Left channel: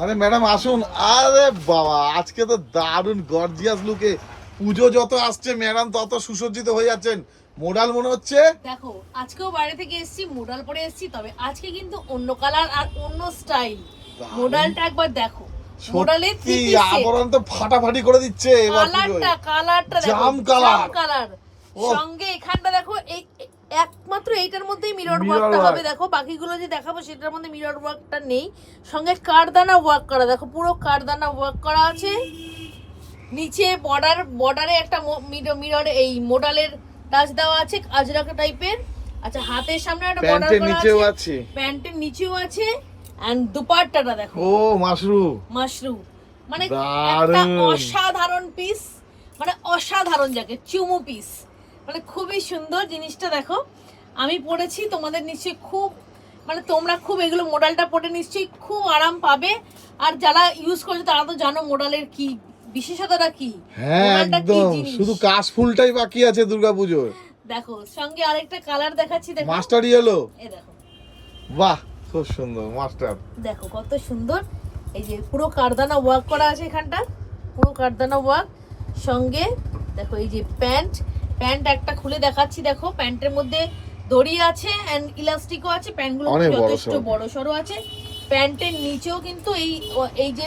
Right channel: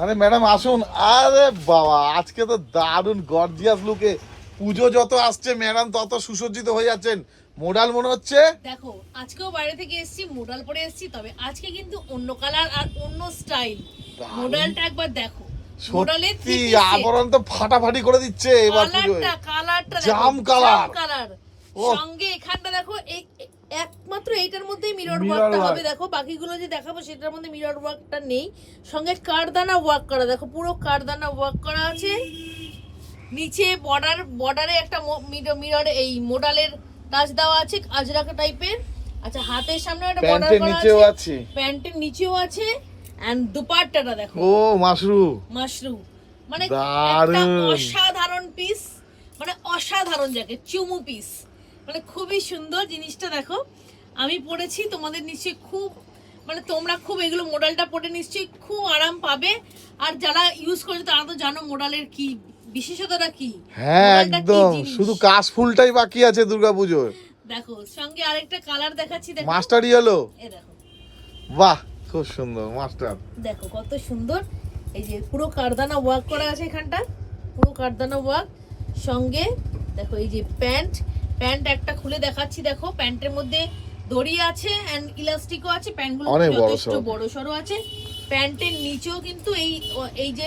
আরে ম্যাডাম আসুন। আরে বাবা, আজকে তো দারুণ গর্জিয়াস লুকে। পুজো যত আসছে ম্যাডাম তত সুসজ্জিত হয়ে যাচ্ছেন। মোডাল মনে হচ্ছে। দেখো আজকেও বাইরে থেকে এসেছি, মোডাল পরে এসেছি, তবে আজকে কিন্তু অন্য কালার আর অন্য স্টাইল। মোডালটা একবার দেখো, মোডালের কি আবরণ তো ফাটাফাটি করে দিচ্ছে এবার পুজোয়। কালারটা জাম কালার। কালার ও। সঙ্গে এখানটা দেখো, এই একমাত্র এইটার মধ্যেই মিরর Mirror ওয়ার্কটা work। হবে। দেখো বাকিগুলো যে দেখাবো সেটার মধ্যে মিরর ওয়ার্কটা নেই। সঙ্গে কারদানা ওয়ার্ক করা, দেখো পুরো কারদানা ওয়ার্ক করা আছে। নিচে বর্ডারে একটা মিরর এই মোডালের টাচ দেওয়া আছে আজরাকা টাইপের। আচ্ছা, হাতের সামনে একটা বর্ডার প্যান্টের করা নিচেও আছে, আছে। প্যান্টের নিচেও আছে। এন্ড দুপাট্টাটা দেখো, ও মাশরুম। মাশরুম, মানে একটা দারুণ। অসাধারণ পিস, মানে অসাধারণ জ্যাকেট, চুমু পিস, মানে খুবই সুন্দর জিনিসটা। দেখো আমি পরেছি, তোমাদের নিশ্চয়ই খুব, মানে তোমরা খুব এগুলো মোডালটা পরে নিশ্চয়ই খুব আরাম পাবে। আর যারা ইউজ করেছে তারা তো জানো মোডালের কি বিশেষতাটা কি। হ্যাঁ মোডালটা কি একদম, জিনিস। শুধু কাশফুলটাই বাকি আছে দুর্গাপুজোর। দেখো সঙ্গে আরেকটা কালার দেখাচ্ছি, দেখো মাস্টার ইয়েলো। এই দেখো, বাহ খুব সুন্দর মাস্টার। দেখো কত সুন্দর। এই যে পুরো কারদানা ওয়ার্ক করা আছে এখানটা, পুরো কারদানা ওয়ার্ক। সঙ্গে দেখো এই যে প্যান্ট একটা খুলে দেখাচ্ছি। দেখো প্যান্টের মধ্যে দড়ি আছে এন্ড ইলাস্টিকও আছে। প্যান্টগুলো যথেষ্ট বড় সড়ো আছে। প্যান্টের নিচেও কিন্তু এই যে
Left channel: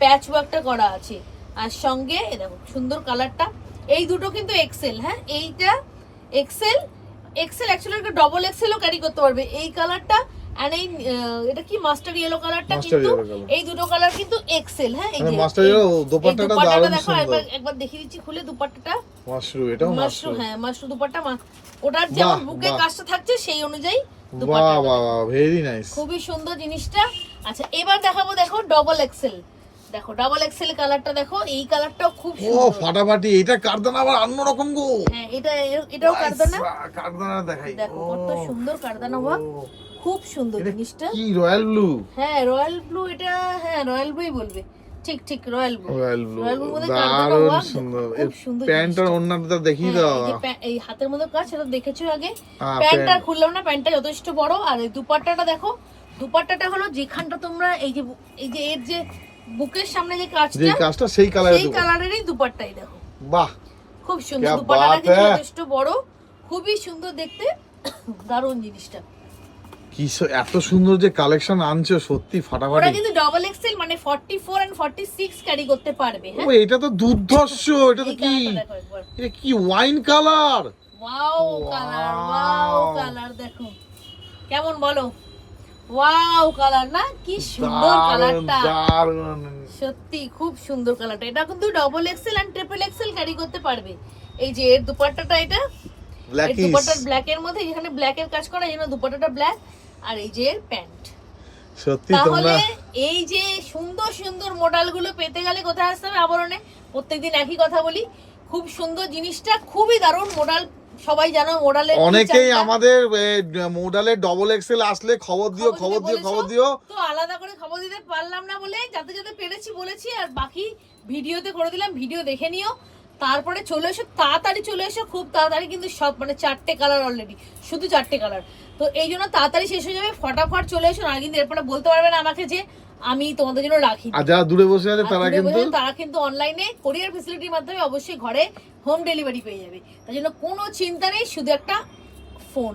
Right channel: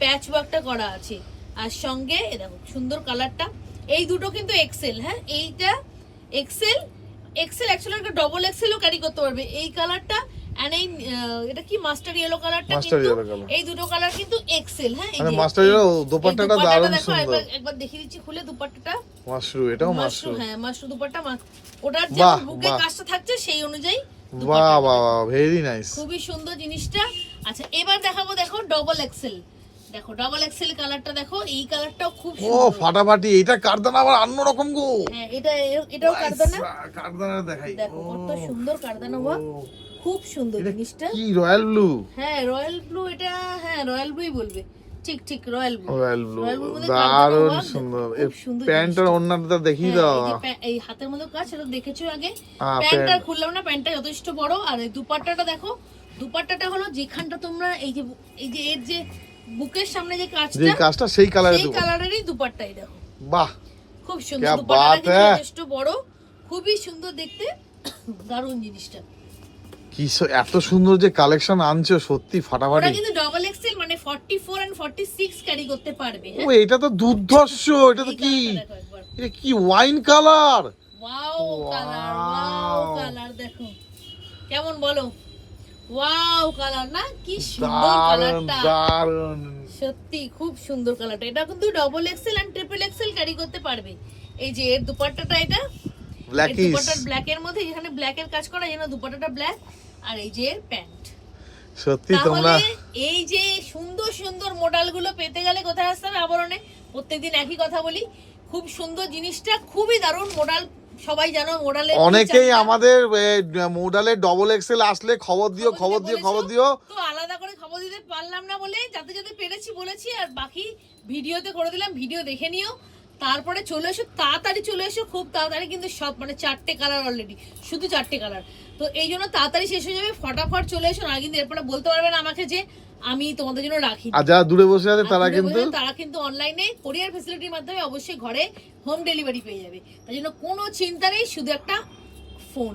প্যাচ ওয়ার্কটা করা আছে। আর সঙ্গে দেখো সুন্দর কালারটা। এই দুটো কিন্তু এক্সেল, হ্যাঁ এইটা এক্সেল। অ্যাকচুয়ালি একটা ডবল এক্সেলও ক্যারি করতে পারবে এই কালারটা। আর এই এটা কি মাস্টার ইয়েলো কালারটা, কিন্তু এই দুটো কালার কিন্তু এক্সেল। হ্যাঁ এই যে মাস্টার ইয়েলো দোপাট্টাটা দারুণ দেখো, সুন্দর। একবার দেখিয়ে দিচ্ছি খুলে দুপাট্টাটা। মাশরুম, এটাও মাশরুম। হ্যাঁ মাশরুম দুপাট্টা, ওটার যেমন বুকে কাজটা থাকছে সেই অনুযায়ী বাহ বাহ বাহ, ভেরি নাইস। খুবই সুন্দর জিনিসটা। আচ্ছা এবার দেখাবো, দেখো ডবল এক্সেল। দেখো ডাবল এক্সেল কালারটা দেখো, এই কালারটাও খুব ও সুন্দর। ফাটাফাটি, এটা কারদানা আবার অন্যরকম গো। হ্যাঁ এটাও কারদানা। কারদানা দেখাই, দেখো কত সুন্দর কারদানা ওয়ার্ক, খুব সুন্দর জিনিসটা। কি রয়্যাল ব্লু। হ্যাঁ রয়্যাল ব্লু, এটা হ্যাঁ রয়্যাল ব্লুই বলবে, ঠিক ঠিক রয়্যাল ব্লু। রয়্যাল ব্লু মধ্যে কারদানা দারুণ ওয়ার্ক, সুন্দর। খুব সুন্দর। প্যান্টের ওন্নাটা দেখিয়ে দাও। এই হাতের মধ্যে কাজ, সেটা দেখেছো আগে। হ্যাঁ, প্যান্টটা খুললাম না, প্যান্টটা যথেষ্ট বড়। আর এই দুপাট্টাটা দেখো, দুপাট্টাটা হলো যেখানটা তোমরা এই যে এর যে বুকের সামনে যে কাজটা সেই কালারেরই দুপাট্টাই দেখো। বাহ খুব সুন্দর দুপাট্টাটা, কিন্তু যথেষ্ট বড়, খুবই সুন্দর দেখতে, দারুণ জিনিসটা। কি এত সুন্দর যে কালেকশন আনছো, সত্যি ওটা ফাটাফাটি। কিন্তু ডাবল এক্সেল, মানে 44 এন্ড 46 ক্যারি করতে পারবে। ও এটা তো দুর্ধর্ষ। এটা তো কি, এটা কি ওয়াইন কালার। ওয়াও কালার দেখো কেমন, বলো ওয়াও কালার না, কি সুন্দর কালারটা, দারুণ। সত্যি খুব সুন্দর কালারটা। এটা কিন্তু double XL and triple XL carry করতে পারবে। এই যে এর দুপাট্টাটা, এটা ব্ল্যাক দুপাট্টার ব্ল্যাক এর মধ্যে, এখানে ব্ল্যাক এর কাজ করা, এই জন্য দুপাট্টাটা ব্ল্যাক। আর এই যে এর প্যান্ট। সত্যি তোমরা এই যে সুন্দর সুন্দর মডেল গুলো পেতে গেলে কোথায় আসতে হবে? আবরণে। প্রত্যেকদিন একই কথা বলি, খুব সুন্দর জিনিসটা, খুবই দারুণ মডেল। সবাই জানো মডেলে অনেকেই আমাদের মোডালে ডবল এক্সেল আসলে খবর দিও। তো আলাদা করে খবর দিতে পারলাম না বলে যাতে পেরেছি বলেছি। আর বাকি ভিডিওতে করে দিলাম, ভিডিও দেখে নিও। তারপরে চলে এসো, তাড়াতাড়ি চলে এসো, খুব তাড়াতাড়ি। কিন্তু সব মানে 4টে কালার অলরেডি, শুধু 4টে কালার। তো এই জন্য তাড়াতাড়ি শেষ হয়ে যাবে, ফটাফট চলে এসো। আর কিন্তু এরপরে বলতে পারবে না আমাকে যে আমি তোমাদের জন্য রাখি। আর যারা দূরে বসে আছে তারা কিন্তু অনলাইনে কোরিয়ার ফ্যাসিলিটির মাধ্যমে অবশ্যই ঘরে হোম ডেলিভারি পেয়ে যাবে। তাই জন্য কোনো চিন্তা নেই, শুধু একটা ফোন।